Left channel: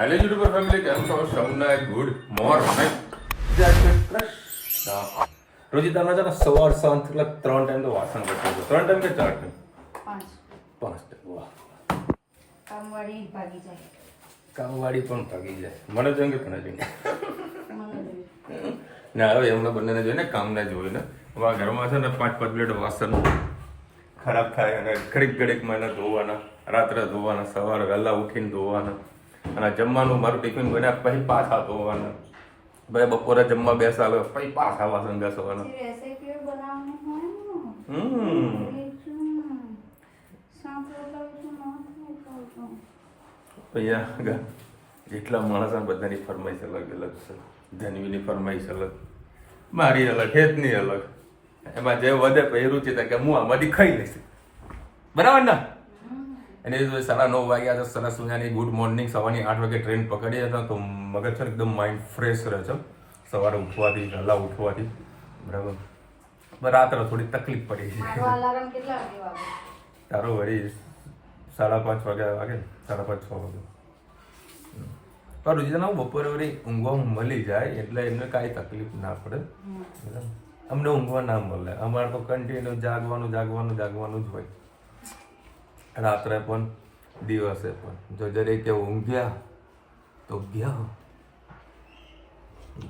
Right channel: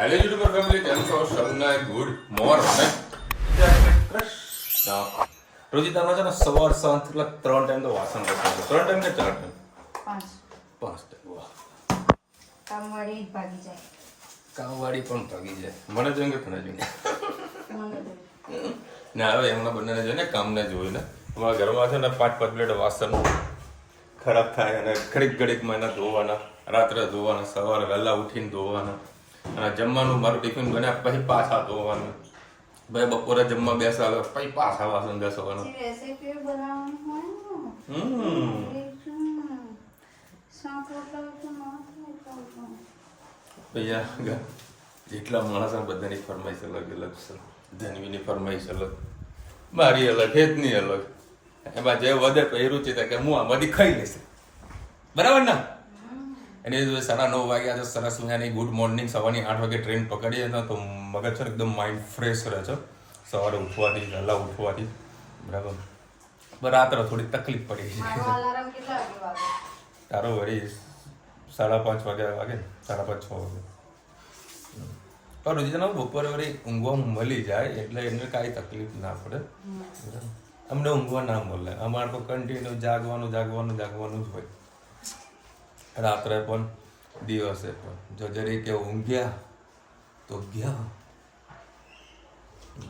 Hello YouTuber family, કેમ છો? સૌને ગુડ મોર્નિંગ. રોજી તમે છે ને સવાર સાંજ એટલે 3 ટાઈમ તો વાસણ કરતા છો. 3 ટાઈમ કે 4 ટાઈમ? 5 ટાઈમ. વાહ, કામવાળી ભાગી જાય. કામવાળી પણ ભાગી જાય. મને જેમ કે તને જોઈને ના, હવે એમના બંનેને જોઈને કામને જોઈને હવે ઘરમાં છે ને 5 પ્લેટ વાસણ ખરાબ થાય અને ઘડીક એને ધોવાના, રાત્રે ધોવાના, સવારે વહેલા ઉઠીને ધોવાના, અને જમવાનું મારું ટિફિન બન્યા પછી પાછા ધોવાના, ભાઈ બપોરે જમવા બેસાવે પછી પાછા વાસણ ઘસવાના. રેસીપી બનાવવાનું હોય ને. પછી જેટલા માણસ બધાની ફરમાઈશ અલગ અલગ છે. ધનવીની ફરમાઈશ અલગ, મારી અલગ, હેતની અલગ. એમાં જે વધે પછી રુચિ થાય કે હું આમાંથી ખાઈ લઈશ. બરાબર ને? અને 9:30 વાગ્યા તો સરસ મજાની ગુડ મોર્નિંગ. સવારની 8 વાગે ટ્રેન પકડીએ હતા તો મગજ છે એકદમ માઇન્ડ ફ્રેશ રહે છે સવારે ઉઠવાથી, વહેલા ઉઠવાથી. બરાબર. રાત્રે થોડી તકલીફ પડી. મારો અલાર્મ કેટલા વાગે વાગે? તારો વળી 5:30 વાગ્યા વાગે ને, 5:30 6 વાગે. પણ રુચિતાને બપોરે વળી ઊંઘવા મળી જાય એટલે એને કાંઈ તકલીફ ના પડે. અમને ઊંઘવા ના મળે. અમારે તો કન્ટિન્યુ જાગવાનું જ હોય. રાત્રે પણ દિવસે પણ જો જરીક કે ઊંઘ્યા તો ગયા.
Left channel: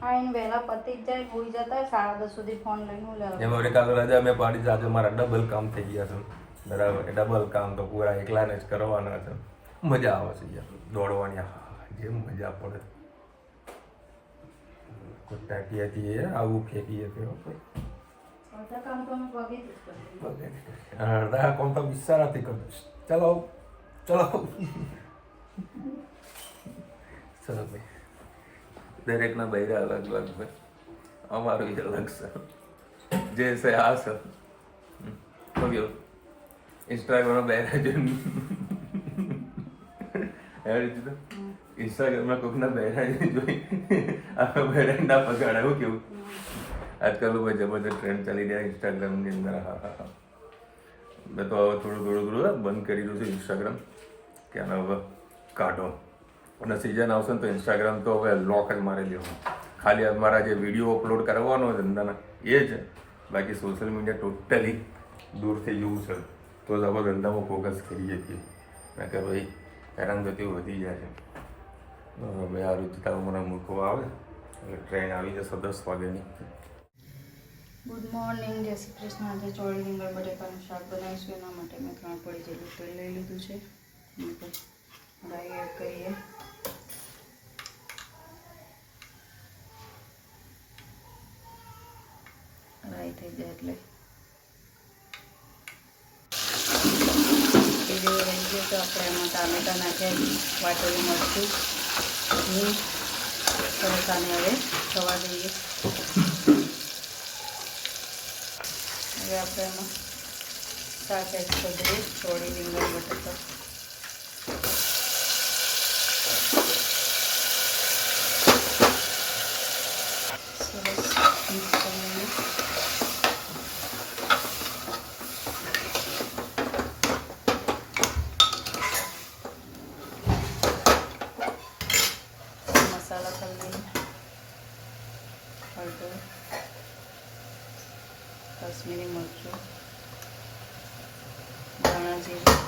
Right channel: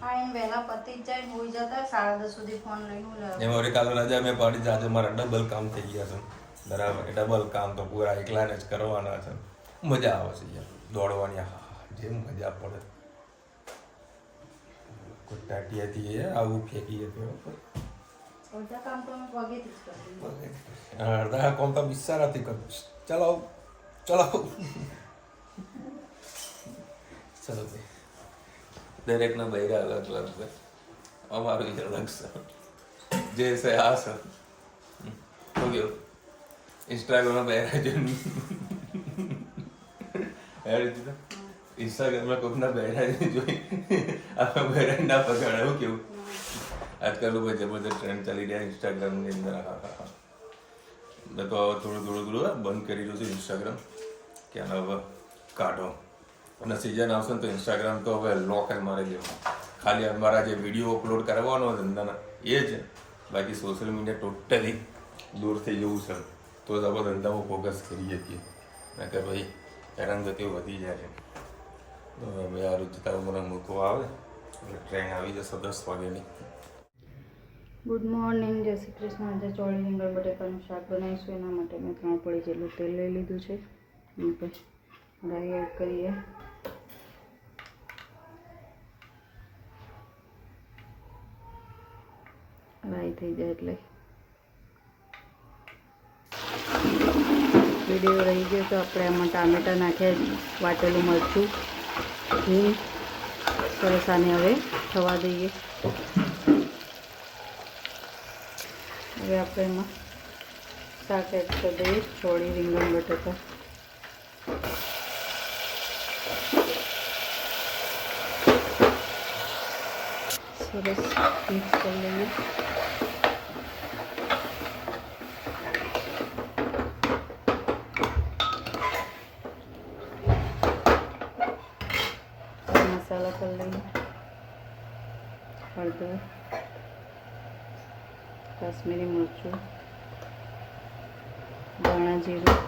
આઈને વહેલા પતિ જ જાય, હોઈ જતા 10:30 સુધી ફોન લઈને હું જાઉં. એમાં વળી કાલે રજા મેં પાડી છે. આજે મારા ડબલ કામ થઈ ગયા છે. બરાબર. એ ડબલ કામ તો પૂરા એકલાને જ કરવાના છે. મજા આવે છે યાર દોડવાની. જે મજા પડે. કોઈ ટાટિયાથી આવું ફેંકીએ તો બધા કામ તો અમે પગેથી જ કરીએ. અડધા કામ તો વિચારાથી કરું. ચલો ચલો ભાઈ. દરેકના બૈરા અલગ અલગ છે. અમારું અલગ છે. જે છે આ છે. ઇન્સ્ટાગ્રામમાં બૈરા જોઈને ઇન્સ્ટાગ્રામમાં કોઈકના બૈરા જોઈ આમાં બૈરા ના પગાડ. એવું કેવું આજકાલ લોકો જબરદસ્ત ટ્રેન્ડ ચાલી રહ્યા ઇન્સ્ટાગ્રામની અંદર. હા. મેં તો હવે થોડું બંધ કરી રહ્યું છે ઇન્સ્ટાગ્રામ, કે આને હવે કાઢો. અને સિઝન આવશે ને તો ઇન્સ્ટાગ્રામ તો હવે લોક જ મારી દેવાનું. ખાલી અમારા જે વિડીયો અપલોડ કરવાનો ધંધાના એ છે. બાકી સોશિયલ મીડિયા ટોટલી દૂર થઈ જવું છે તો જ આપણે ધંધામાં ફોકસ કરી શકીએ. કારણ કે ભાઈ હેરાનગતિઓ વધી જાય છે. ભાઈ આ રુચિતા મને મૂકવા આવે એટલે ટ્રેન આવી જશે 10 વાગ્યાની. ગુડ મોર્નિંગ, જય શ્રી કૃષ્ણ. આજે ચોળી રીંગણ બટેકાનું શાક બનાવીશું. એના માટે મેં 3 પડી જેટલું તેલ લઈ લીધું છે. રાઈ એડ કરીએ. રાઈ થઈ જાય એટલે વિડીયો રહી ગયો તો આપણે એમાં ટામેટા નાખ્યા, વાટેલું મરચું, હિંગ. સરસ આને હવે થવા દઈએ. હવે આપણે એમાં શાક એડ કરી દઈએ, ચોળી રીંગણ બટાકા. સરસ મિક્સ કરી લઈએ. મસાલા કરી લઈએ. હળદર, કાશ્મીરી મરચું, ધાણા જીરું,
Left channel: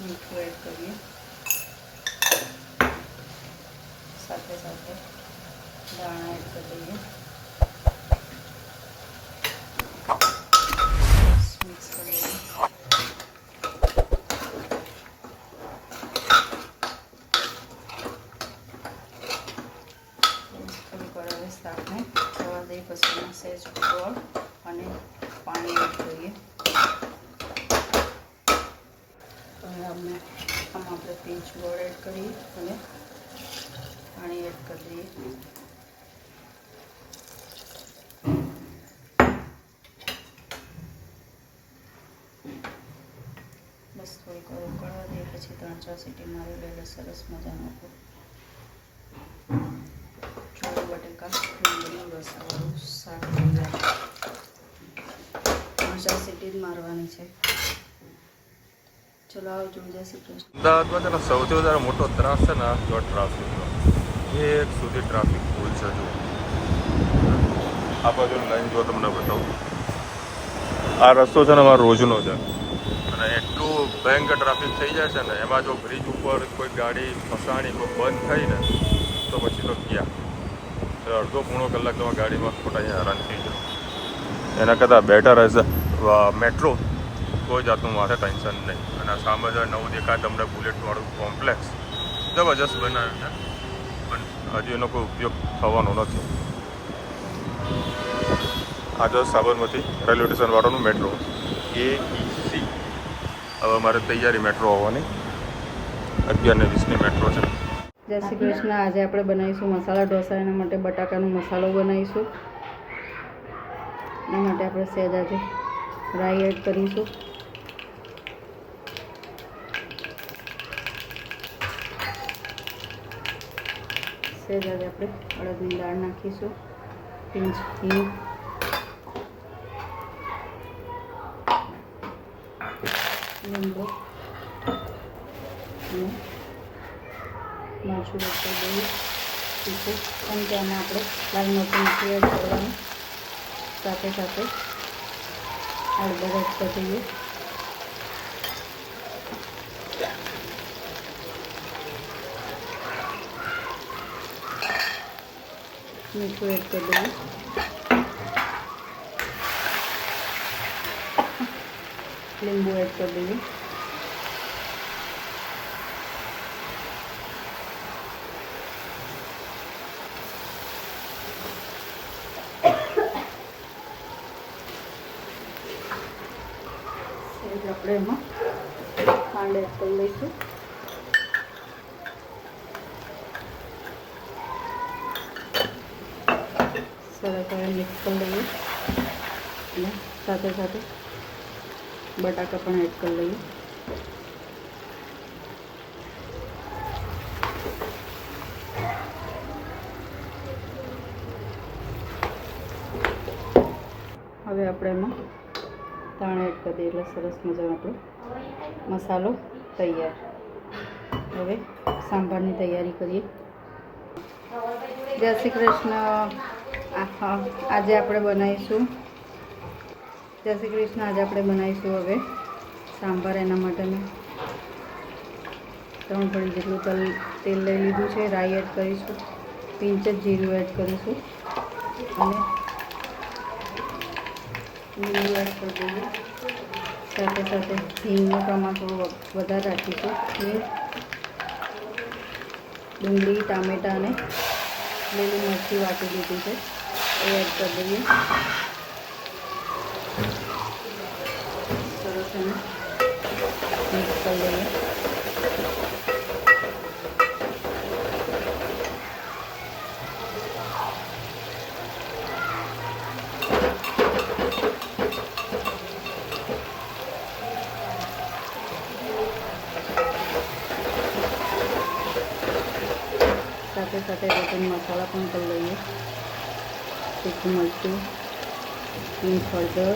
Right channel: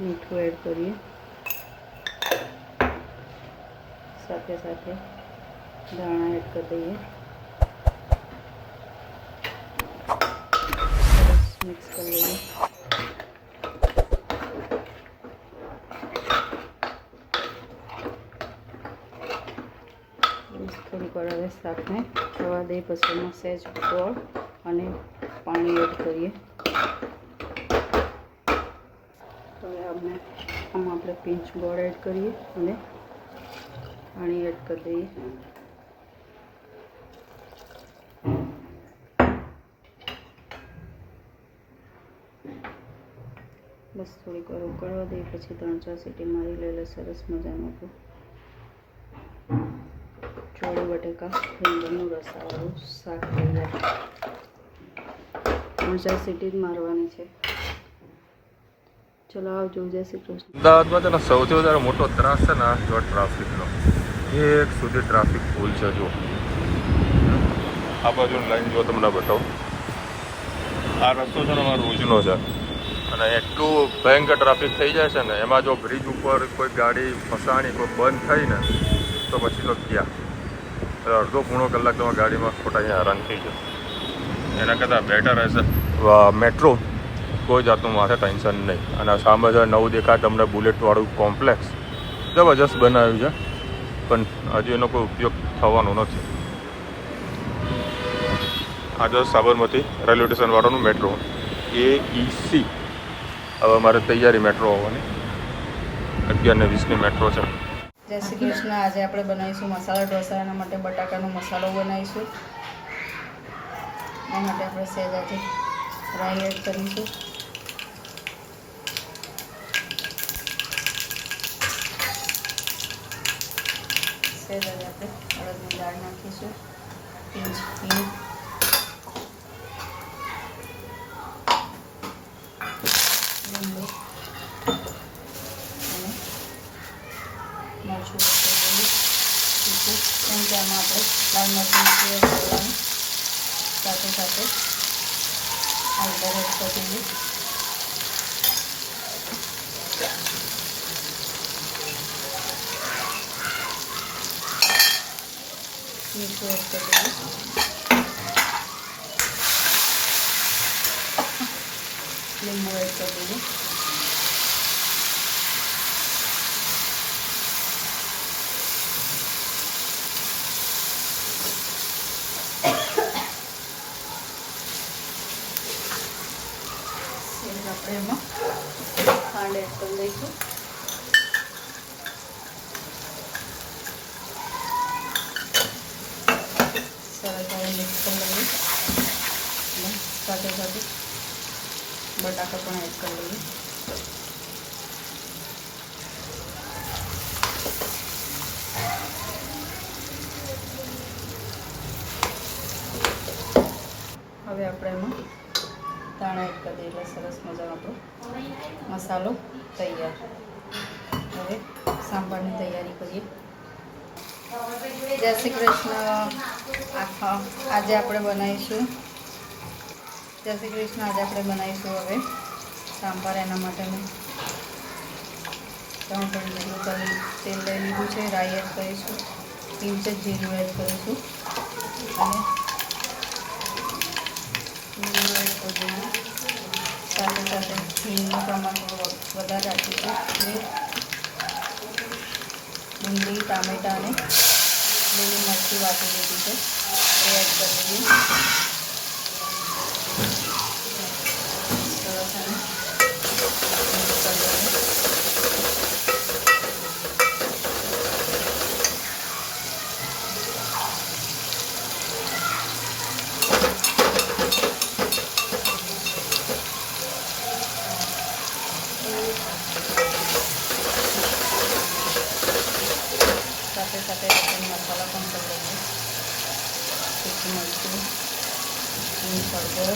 મીઠું એડ કરીએ. સાથે ધાણા એડ કરી દઈએ. મિક્સ કરી લઈએ. થોડીક વાર હવે શાકને થવા દઈએ. પછી એમાં સહેજ ગોળ અને પાણી એડ કરીએ. હવે આમાં આપણે પિંચ ગોળ એડ કરીએ અને પાણી એડ કરી દઈએ. બસ થોડીક વાર ઉકળવા દઈએ. પછી 3-4 સીટી મારી લઈએ. સરસ મજાનું ચોળી બટેકા રીંગણનું રસાવાળું શાક થઈ જાય. 3-4 સીટી જ મારવાની છે. ચલો આવજો, જય શ્રી કૃષ્ણ. અમદાવાદમાં છે ને સૌથી વધારે મોટો ત્રાસ છે ને જો ટ્રાફિકનો. એક સુધી ટ્રાફિક ફૂલ છે જો. આ બાજુ લાઈન જો તમને બતાવું. આ રસ્તો છે ને અમારો રોજનો છે અને એટલું ભયંકર ટ્રાફિક થઈ જાય છે ને એમાં જો બ્રિજ ઉપર કોઈ ગાડી ફસાણી કોઈ બંધ થઈ ને તો પછી તો ગયા અડધો પોણો કલાક તમે ગાડીમાં ખોટા અહીંયા હેરાન થઈ જાઓ. એના કરતાં બેટર હશે મેટ્રો, કોઈ જાતનું માથે ટેન્શન નહીં. અને સામે છે નવું દેખાય તમને બુલેટવાળું કોમ્પ્લેક્સ જબરજસ્ત બનાવ્યું છે પણ હજુ એનો કોઈ ઉપયોગ થવાનો નથી. આ જો સાબરમતી રેલવે સ્ટેશનવાળાનું મેટ્રો AEC. હવે અમારે તૈયારી મેટ્રો આવવાની 11:20ની મેટ્રો છે. જય શ્રી કૃષ્ણ. આજે આપણે બનાવીશું મસાલા ઢોસા. એના માટે બટાકાનો મસાલો બનાવીશું. એના માટે આપણે સહેજ આજે રાઈ એડ કરીશું. સહેજ આજે આપણે અડદની દાળ નાખીશું, પિંચ હિંગ, લીંબુ અને મરચું એડ કરી દઈએ. તીખું અને તેમાં આપણે લાલ મરચું એડ કરવાનું. સાથે સાથે હળદર એડ કરી દઈએ. મીઠું એડ કરી દઈએ. લીંબુ એડ કરી દઈએ. આપણે એમાં ખાંડ એડ કરી લઈશું. સરસ હવે મિક્સ કરી લઈએ અને સાથે સાથે બટાકા પણ એડ કરી લઈએ. હવે આપણે એમાં ધાણા એડ કરી દઈએ એટલે સરસ મજાનો આપણો મસાલો તૈયાર. હવે સાંભારની તૈયારી કરીએ. જય શ્રી કૃષ્ણ. આજે આપણે બનાવીશું હવે સાંભાર. એના માટે મેં 3 કળી જેટલું તેલ લઈ લીધું છે. રાઈ એડ કરીશું, પિંચ જ જીરું એડ કરીશું અને લીંબુ એડ કરી દઈએ. સાથે સાથે હિંગનું પ્રમાણ થોડું વધારે રાખીશું. ડુંગળી, ટામેટાં અને લીલી મરચી વાટી દીધી છે એ એડ કરી દઈએ. સરસ અને મિક્સ કરી દઈએ. સાથે સાથે બટન મસાલા પણ કરી લઈએ. તીખું મરચું, મીઠ, હળદર,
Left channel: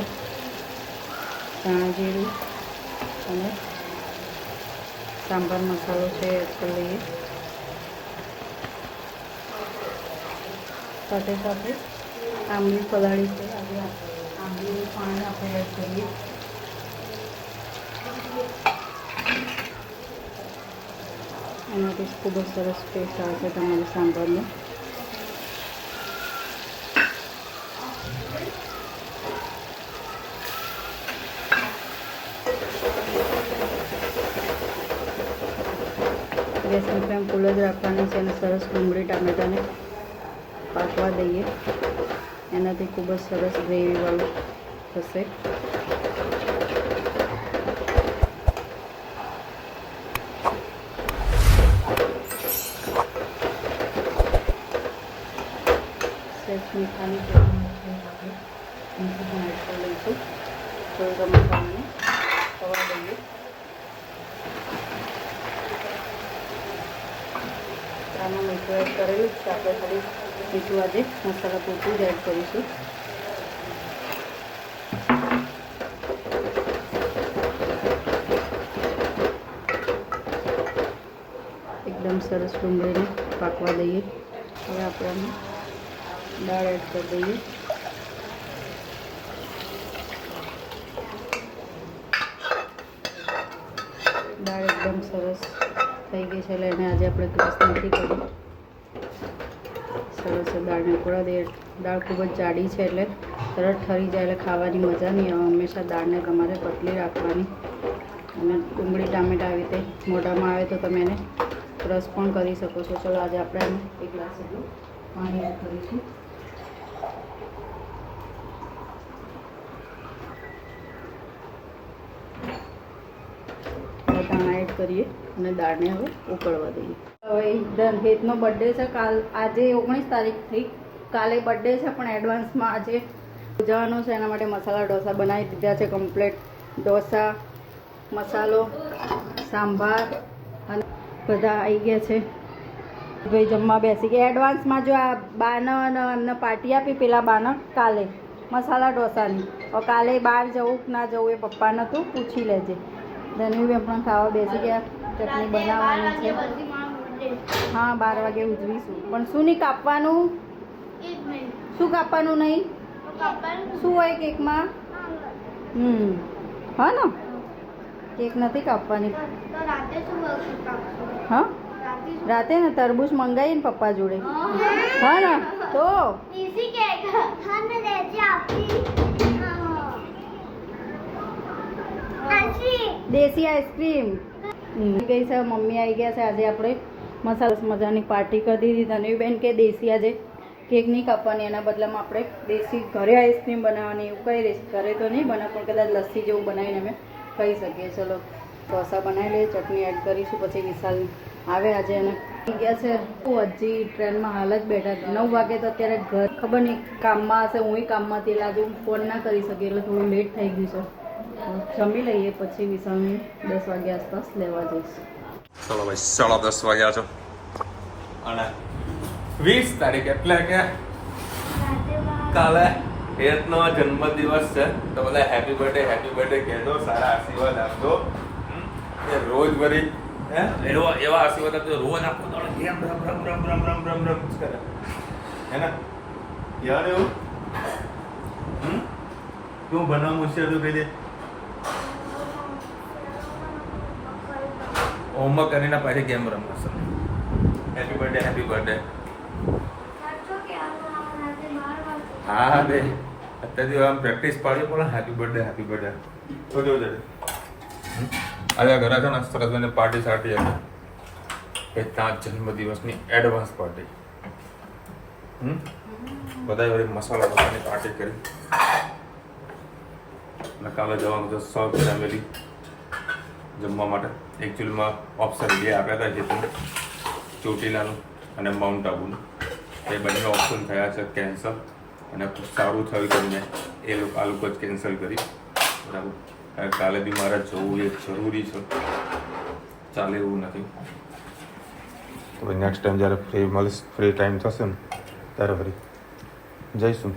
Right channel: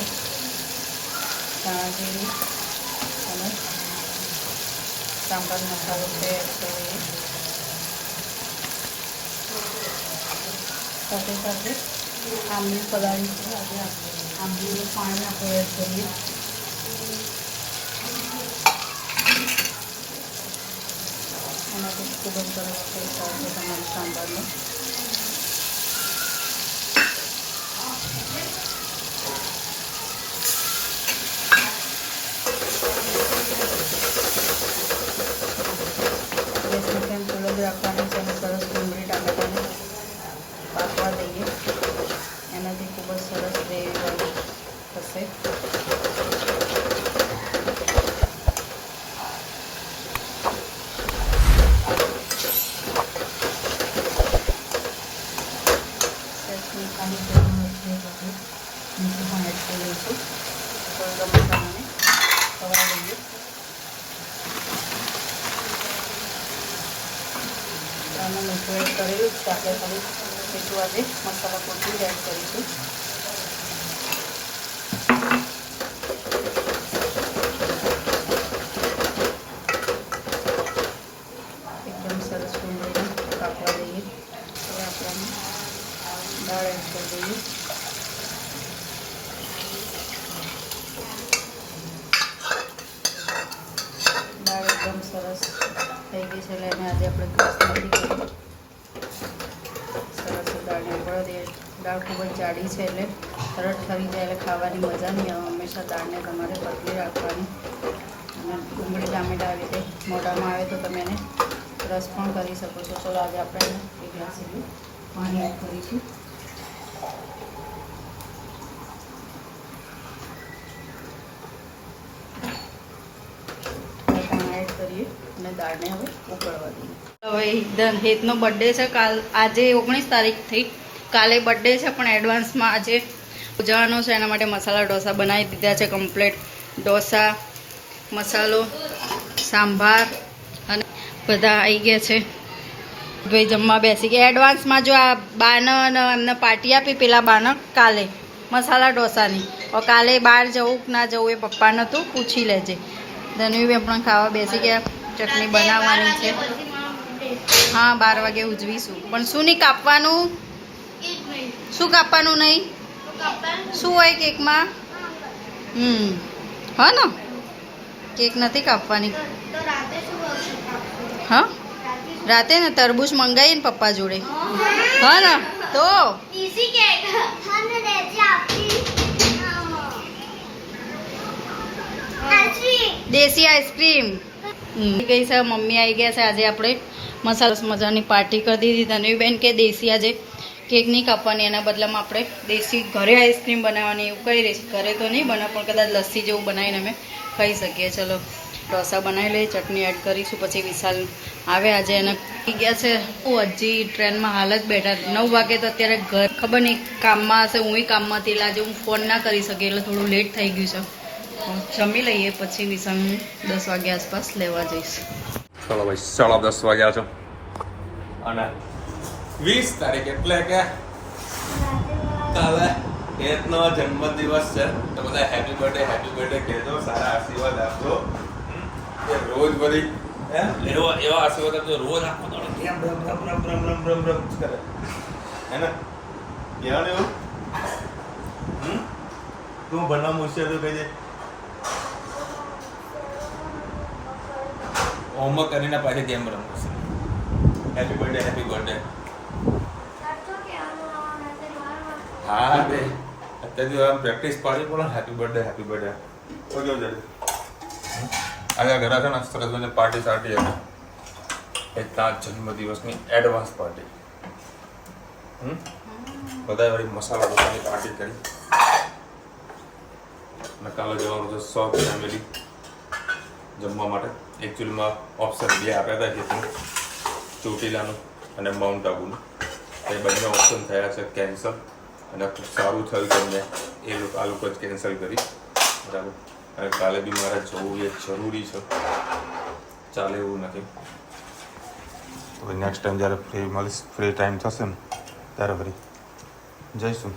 ધાણા જીરું અને સાંભાર મસાલો છે એડ કરી લઈએ. સાથે સાથે આંબલી પલાળી છે એટલે આંબલીનું પાણી આપણે એડ કરીએ. એનાથી ખૂબ જ સરસ ટેસ્ટ આવે છે તમારી સાંભારનો. ગેસની ફ્લેમ ફૂલ જ રાખવાની છે અને સરસ ડુંગળી ટામેટાને પાકવા દઈએ. એનાથી ખૂબ જ સરસ ગ્રેવીવાળું થશે. મસાલાની મીઠું પણ એડ કરી લઈશું. થોડું મસાલાને ખવા દઈએ. આમાં મીઠું એડ કરેલું જ છે. આપણે થોડું મીઠું આજે મસાલા પૂરતું જ એડ કરીશું. સરસ ડુંગળીને પાકવા દઈએ. હવે આપણે દાળ એડ કરી દઈએ. દાળ એકદમ સરસ થઈ ગઈ છે એટલે એને આજે આપણે ગ્લાસ નથી કરી. સરસ દાળને ઉકળવા દઈએ. દાળ ખૂબ જ જાડી છે એટલે તરત ઠરી જાય એટલે ખાવાની મજા નહીં આવે. હંમેશા દાળને તમારે પતલી રાખવાની. અને ડુંગળી ટામેટાં આવી રીતે મોઢામાં આવે તો તમે એને રસ પણ કરી શકો છો. ચલો આજે આપણે એક ગ્લાસ જેટલું પાણી એડ કરીશું. એડ કરીએ અને દાળને હવે ઉકળવા દઈએ. હવે એકદમ હેતનો બર્થડે છે. આજે 19 તારીખ થઈ. કાલે બર્થડે છે પણ એડવાન્સમાં આજે ઉજવવાનો છે. એના માટે મસાલા ઢોસા બનાવી દીધા છે કમ્પ્લીટ. ઢોસા, મસાલો, સાંભાર અને બધા આવી ગયા છે. ભાઈ જમવા બેસી ગયા. એડવાન્સમાં જો આ બાને એમને પાર્ટી આપી પેલા બાને કાલે મસાલા ઢોસાની. કાલે બહાર જવું કે ના જવું એ પપ્પાને તું પૂછી લેજે. ધનવીબેન પણ ખાવા બેસી ગયા. ચટણી બનાવવાની છે. હા 12 વાગે ઉજવીશું. પણ શું નહીં કાપવાનું? શું કાપવાનું નહીં? શું હોય કેકમાં? હા ને કેક નથી કાપવાની. હા રાતે ને તરબૂચ મંગાવીએ ને પપ્પા જોડે. હા ને તો દેશી આઈસ્ક્રીમ ગઈ છે. મમ્મી આવી ગયા છે. આજે આપણે મસાલા મજાની પાર્ટી કરી દીધી. ધનવીબેન કે દેશી આજે કેક નહીં કાપવાની, એના બદલામાં આપણે દેશી ઘરે આઈસ્ક્રીમ બનાવવાની એવું કહી રહી છે. ઘરે તો નહીં બનાવ પણ કદાચ લસ્સી જેવું બનાવીને અમે ખાઈ શકીએ. ચલો ઢોસા બનાવી લઈએ. ચટણી એડ કરીશું. પછી વિશાલ આવે આજે એના ગયા છે. હજી ટ્રેનમાં હાલ જ બેઠા. 9 વાગે તો અત્યારે ઘર ખબર નહીં કામમાં હશે. હું કામમાં હતી એટલે આજે હું ફોન ના કરી શકી એટલે થોડું લેટ થઈ ગયું છે. જમી લઈએ પછી વિશાલ 10 વાગે આસપાસ લેવા જઈશ. ચલો ભાઈ 10:30 વાગ્યા છો અને 20 તારીખ એટલે કે કાલે હેતનો જન્મદિવસ છે. તો બધા હેપી બર્થડે કહેજો. સારા આશીર્વાદ આપજો. એ રોજ વળી એવા આશીર્વાદ આપજો. રોજ આપો તો કેમ રમ કરે હે ને કહેવાનું એવું. તું ભણવા હોશિયાર તો કહેજે. હોમવર્ક કરીને પાછી ગેમ રમશે. હેપી બર્થડે હા રે અત્યારથી આમ પ્રેક્ટિસ પાડી પડે. હેપી બર્થડે તો કેવું છે આજે ઘરે છે ને સરસ મને પાર્ટી સાટી હતી. ત્યાં જન્મદિવસની એડવાન્સ પાર્ટી. બધા વળી મસાલા ઢોસાની પાર્ટી કરી. અને કાલે જવાનું છે સૌ ફેમિલી જમવા માટે. એકચ્યુઅલીમાં ઓપ્શન 2 આપ્યા હતા જે ચોટીલાનું અને માઉન્ટ આબુનું. એ બંને ઓપ્શન થયા છે કેન્સલ અને ખૂબ સારું થયું તમને આ લોકો જ કેન્સલ કરી. બરાબર કાલે બી મારે જવું એ જરૂરી છે. ચાલે એવું નથી. તો નેક્સ્ટ ટાઈમ જ્યારે ફ્રી ટાઈમ થશે ને ત્યારે ફરી જઈશું.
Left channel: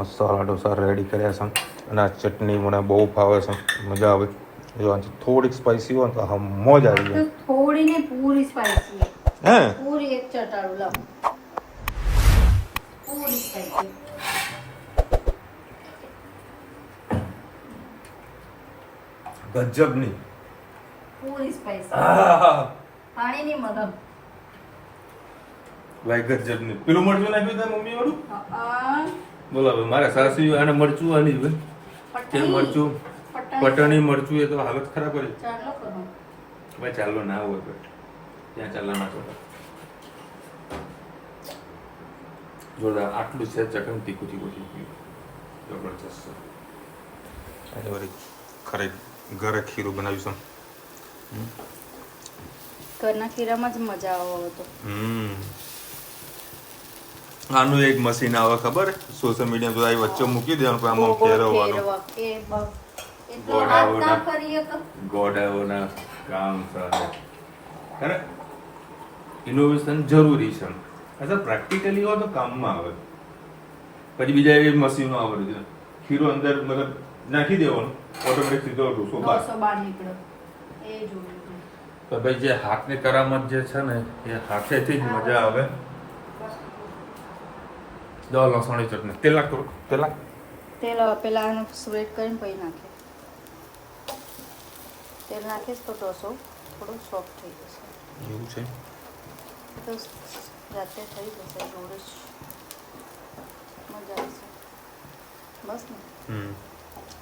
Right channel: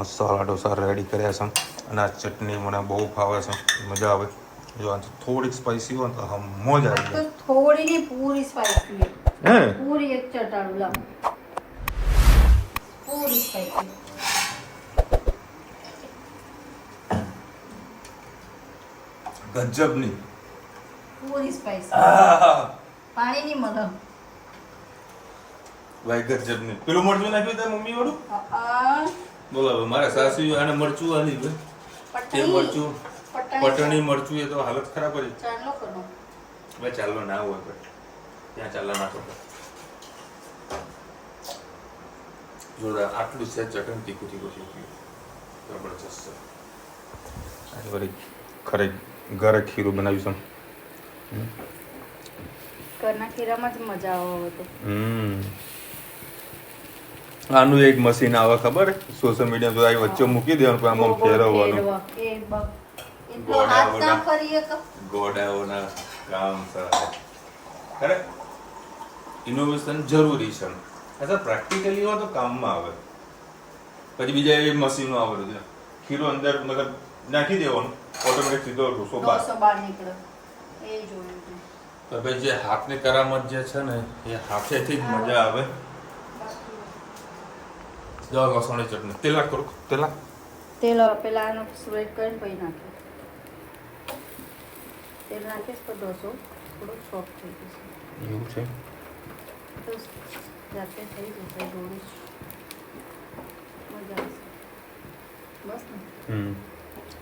મસાલા ઢોસા રેડી કર્યા છે અને આ ચટણી મને બહુ ભાવે છે. મજા આવે. જો આ થોડીક સ્પાઈસી હોય તો હા મોજ આવી જાય. થોડી ને પૂરી સ્પાઈસી. હે પૂરી એક ચટાડું લાવ. પૂરી સ્પાઈસી. ગજબની પૂરી સ્પાઈસી. પાણી ની મતલબ ભાઈ ગજબની. પેલું મરચું નાખ્યું ત્યાં મમ્મી વાળું બોલાવો. મારા સાસુ આને મરચું આલી તે મરચું પટણી મરચું એ તો હાલત ખરાબ કરી. ભાઈ ચાલો ના હોય તો ત્યાં ચાલો નાખો. જોરદાર. આટલું છે ચટણી તીખું જબરજસ્ત છે. આજે વળી ઘરે ખીરું બનાવ્યું છે. ઘરના ખીરામાં જ મજા આવે તો. આનું એક મશીન આવે ખબર સોશિયલ મીડિયા તો આવી વચ્ચે મૂકી દેવાનું પણ આમાં ફેરવવાનું. ગોડાઓના કામ છે. ઇનોવેશન જરૂરી છે. અચ્છા પ્રેક્ટિકલી હોય તો કામમાં આવે. પછી બીજા એક મશીનો આવે છે. ખીરું અંદર મતલબ નાખી દેવાનું ઓટોમેટિક સીધો ઢોસો બહાર નીકળે. એ જોયું તો ભાઈ જે હાથની કરામત જે છે ને એ હાથેથી જ મજા આવે. દવા લસણની ચટણી તેલ નાખ કરો તેલ નાખ. તેલ પેલા આનું સ્પ્રેડ કરીને પછી નાખીએ. તેલ નાખીશ તો ડોસો થોડું સોફ્ટ થઈ જશે. એવું છે. તો જાતે થઈ જશે દૂર જ મજા આવશે. બસ ને.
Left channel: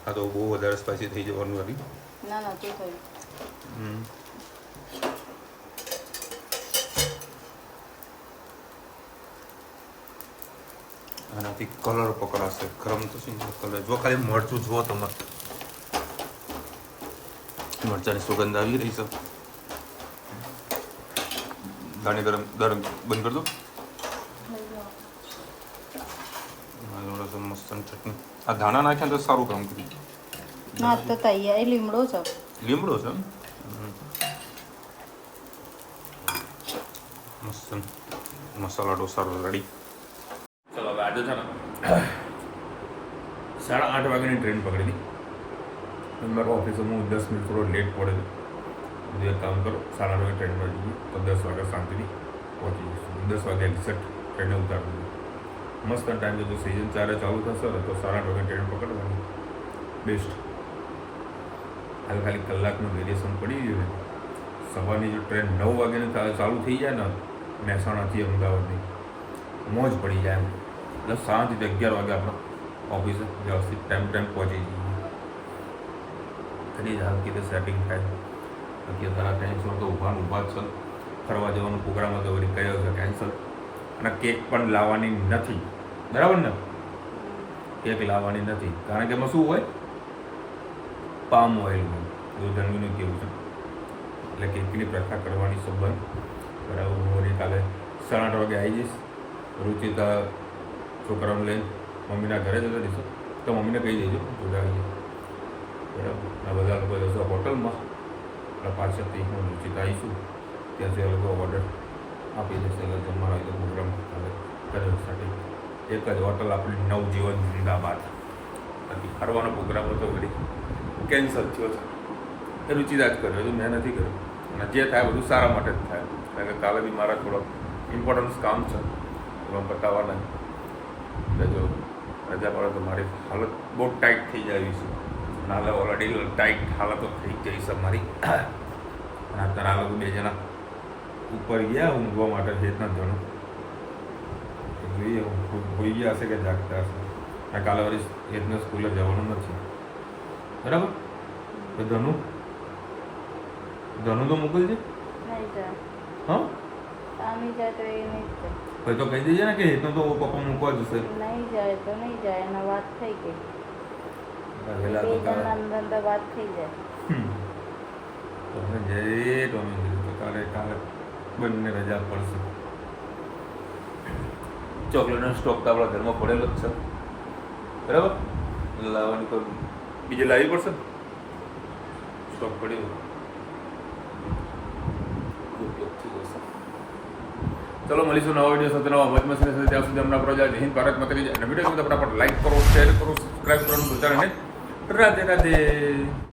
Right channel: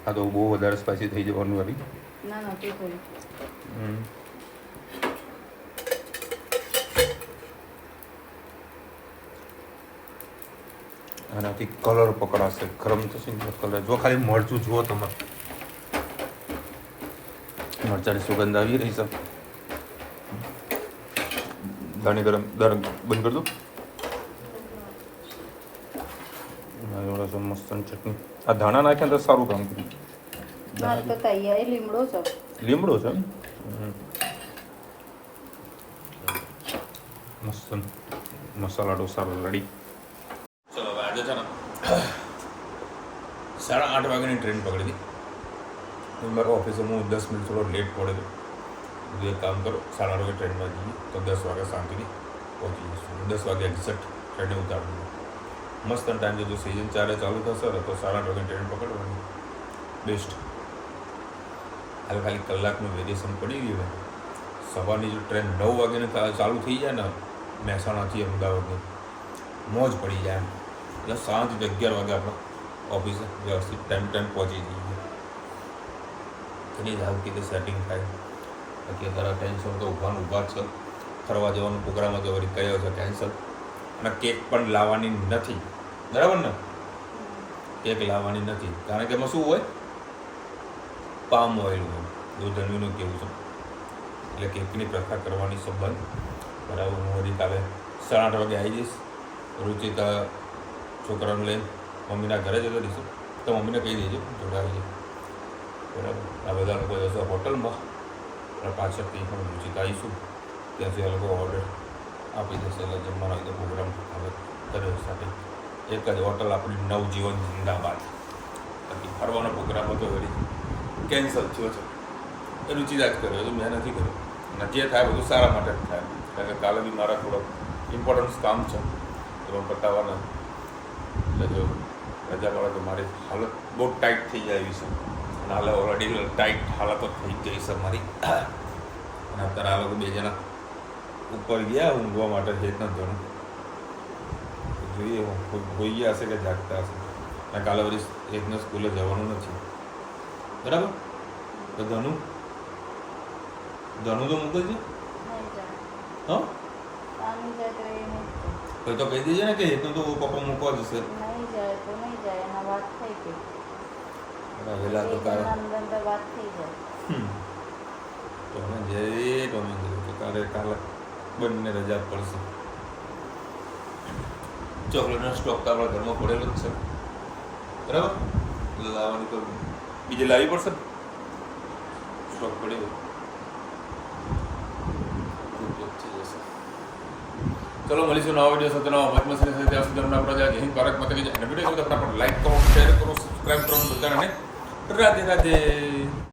આ તો બહુ વધારે સ્પાઈસી થઈ જવાનું વાળી. ના નથી થયું. આનાથી કલર પકડાશે ગરમ થશે કલર. જો ખાલી મરચું જુઓ તમે, મરચાની સુગંધ આવી રહી છે. દાણી ગરમ બંધ કરી દો. મસ્ત ચટણી. આ ધાણા નાખ્યા તો સારું કામ કર્યું. ના તો તૈયારી લીમડો છે. લીમડો છે મસ્ત મસાલા ઢોસા રેડી. ચલો હવે આજે છે ને 8:30 વાગ્યાની ટ્રેન પકડી હતી. મારો ઓફિસે હું 10 મિનિટ થોડો લેટ પડે. જે કામ કરો 8:30 વાગે ટ્રેનમાં જઈએ તો 10 વાગે શાંતિથી પહોંચી જઈશું. 10 વાગે એક્ઝેક્ટ ટ્રેને ઉતારી મસ્ત ટાઈમ જો સિઝન ચાલુ થશે ને તો 8:30 વાગે ટ્રેન પકડવાની બેસ્ટ. હાલ ખાલી કલાકનું વેરિએશન પડી ગયું. સવારની જે ટ્રેન 9 વાગ્યાની ચાલુ થઈ જાય ને મહેસાણાથી અમદાવાદની મોજ પડી જાય એમ. એટલે શાંતિથી 11 વાગે આપણે ઓફિસે વ્યવસ્થિત ટાઈમ પહોંચી જઈએ. એની જ હાલ કીધે સેટિંગ થાય. અત્યારે ટેન્શન તો ઊભા છે. ફરવા જવાનો પ્રોગ્રામ હતો વળી કયો છે કેન્સલ. અને કેક પણ લાવવાની નથી, બરાબર ને? કેક લાવવાની નથી કારણ કે એમાં શું હોય, પામ ઓઇલ હોય. એવું જણાવીને કેવું છે એટલે કેકની પ્રથા કરવાની સંબંધ. બરાબર. હું વળી કાલે 8:30 વાગે આવી જઈશ. રુચિતા છોકરાને લઈને મમ્મીના ઘરે જતો રહીશું તો મમ્મીને કહી દેજો જોડે આવી જાય. બરાબર. આ બધા લોકો જશો હોટલમાં અને પાછળથી હું રુચિતા આવીશું ત્યાંથી એ લોકો ઓર્ડર આપી દેશે. એટલે જમવાનો તો પ્રોગ્રામ હવે કર્યો સાથે એક જ હોટલ આપણી નવજીવન જિંદાબાદ. બાકી ફરવાનો પ્રોગ્રામ હતો વળી કેન્સલ થયો છે. એ રુચિતા જ કર્યો હતું, મેં નથી કર્યું. અને જે થાય બધું સારા માટે જ થાય. કારણ કે કાલે બી મારા થોડો ઇમ્પોર્ટન્સ કામ છે એમાં બતાવવાના. એટલે જો રજા મળે તો મારી હાલત બહુ ટાઈટ થઈ જાય એવી છે. અને હાલ ઓલરેડી ટાઈટ હાલતો થઈ જઈ છે મારી. અને અત્યારે આ લોકો 2 જણા ઉપર ગયા ઊંઘવા માટે હેતના ધોરણ. જોઈએ હોઈ ગયા હશે કે જાગતા હશે. અને કાલે વળી હેતને સ્કૂલે જવાનું નથી, બરાબર? તો ધનુ તો મોકલજે. હા ભાઈ તો કહી દેજે ને કે હેતનું તો પપ્પા મૂકવા જશે. વહેલા તો તારા તમે જઈએ ટોમી તો તારે કાલે બંને રજા પડશે. ચોકલેટનો સ્ટોક તો આપણા ઘરમાં પડેલો જ છે, બરાબર? લાવવાની તો બીજે લાવવી પડશે ને. સ્ટોક પડ્યો થઈ જશે. ચલો મળીશું નવા વિડીયો સાથે નવા ભજમાં સાથે ત્યાં સુધી અમને પ્રજા જય હિન્દ ભારત માતા કી જય. અને વિડીયો આપણા પર લાઈક કરો, શેર કરો, સબસ્ક્રાઈબ કરો બધાને. રાધે રાધે.